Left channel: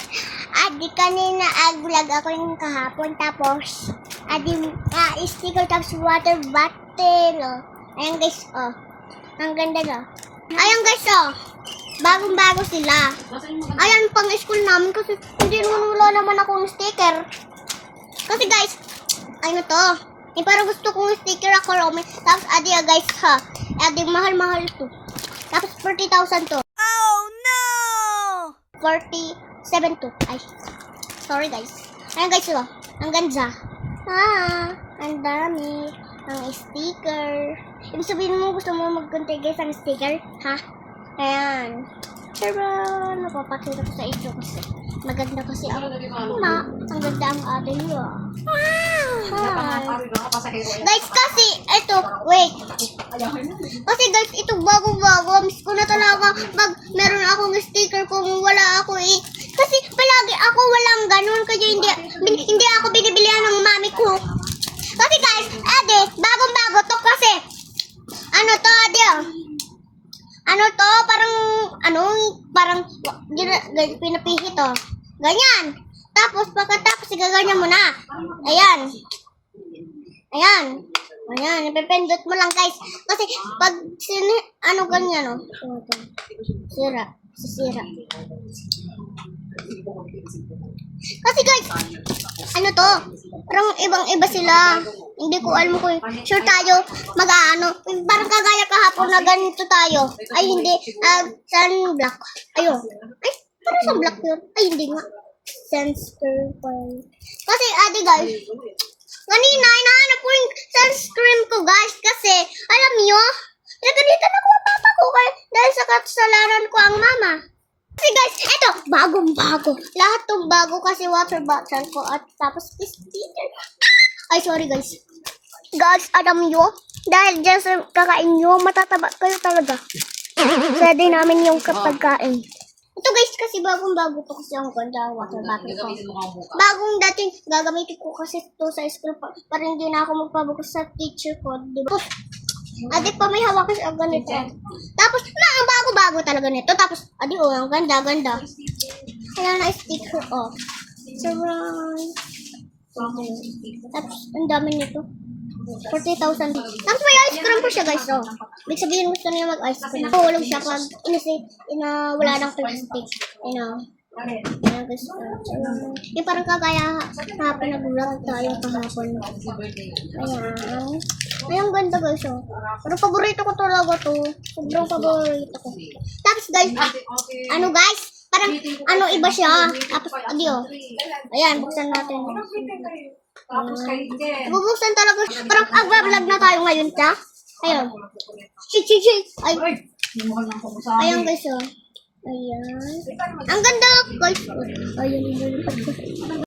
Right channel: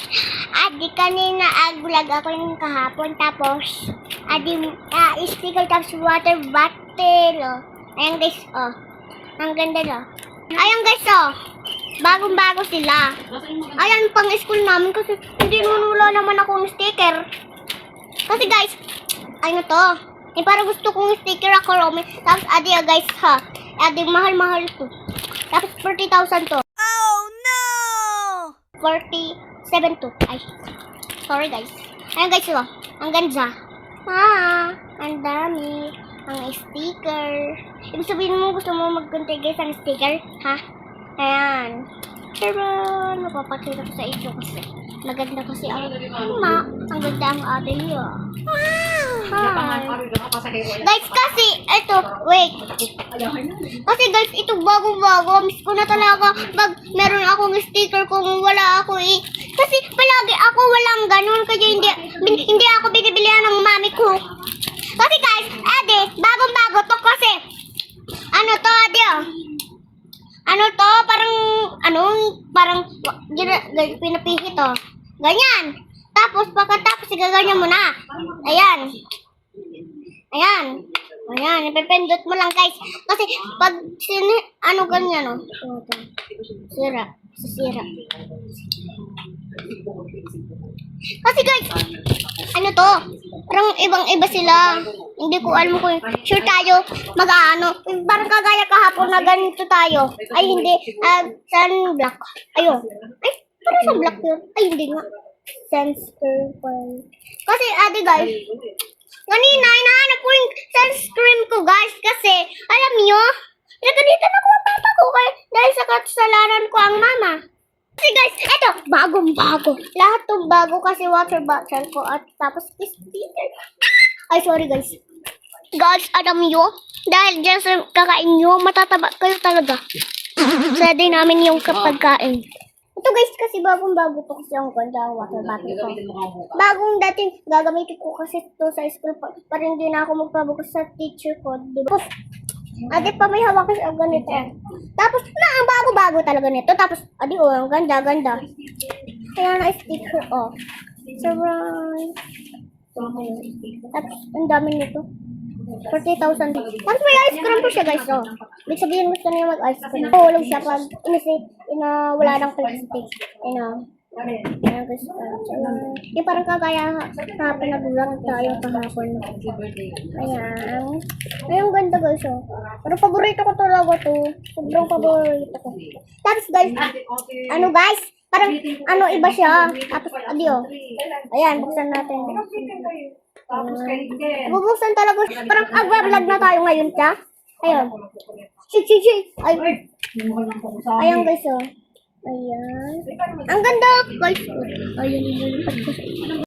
guys, adi kanina vlog ako yung kahapon. Tapos, sticker tapos water bottle. Oh. Ayan guys, oh. Ang ganda no. Ayan guys, oh. Bagong-bago sila. Ayan, pang school namin kasi hindi wala naman akong sticker. Kasi guys, ano to? Parang gusto kong sticker ako, Romy. Tapos, adi guys, ha. Adi, mahal-mahal to. Tapos, 40,000 to. Oh no! 47 to. Ay, sorry guys. Ayan guys, oh. Ang ganda. Ang dami. Ang sticker. Ibig sabihin mo, gusto mo magkuntay guys ang sticker? Ha? Ayan. Pero, napapakita ko sa inyo kasi. Maganda kasi ang ang ganda ang ating yun. Guys, kasi, ito, wait. Kasi guys, ito bago-bago. Miss ko na talaga meron akong sticker kung wala ako eh. Kasi palagi ako walang ganun. Kaya hindi ako binibilihan ng mami ko. Kasi guys, bagong-bago to kasi. Ano to, ano to, parang pinapihit to. Ganyan. Tapos, pagkatapos, igaganyan mo na. Ayan. Ipipindot mo lang, guys. Kasi, pag, ganyan, oh. Sira. Kasi, guys, ano to? Parang ibang-iba sila. Hindi ko alam kung sure tayo parang kagaya kahapon na ganito tayo. Ay, hindi. Sunblock. Ayun. Ay, parang sunblock yun. Ay, hindi nga. Sunscreen. Kasi, guys, kanina, hinahanap ko yung sunscreen ko, guys. Kasi, alam nyo, nagkadita na ko papa ko dahil sa kasalanan ko ang mama. Kasi, guys, ito, bagong-bago. Lahat ng bago kasi water bottle ko at tapos sticker. Ay, sorry, guys. Guys, alam nyo, dahil dyan sa kakain nyo, matataba kayo talaga. Ready namin yung pagkain. Ito guys, kasi bagong-bago to kasi ang ganda water bottle ko. Bagong dating gagamitin ko kasi to sa school para hindi na ako magpabukas sa teacher ko. Diba? Ate pa may hawak kasi ang ganito. Tapos, ang bago-bago talaga nito. Tapos, ang ganda-ganda. Kaya na-sticker off. Tapos, ang dami nito. 40,000. Tapos may ice cream po siya guys. Oh. Ibig sabihin gusto niya mag-ice cream. Tulog siya pag wala ng plastic. Guys. Yung parang kagaya hapon na bulang tayo kahapon. Ayan. Ayun ganda guys. Oh. Pero paborito ko talaga to. Sobrang paborito ko. Tapos guys, guys? Parang iba siya. Tapos ayan, buksan natin. Bubuksan talaga. Parang vlog na tayo ngayon, ta. Ayun. Ay. Ayan guys, oh. Ayan. Ang ganda, guys. Ayan.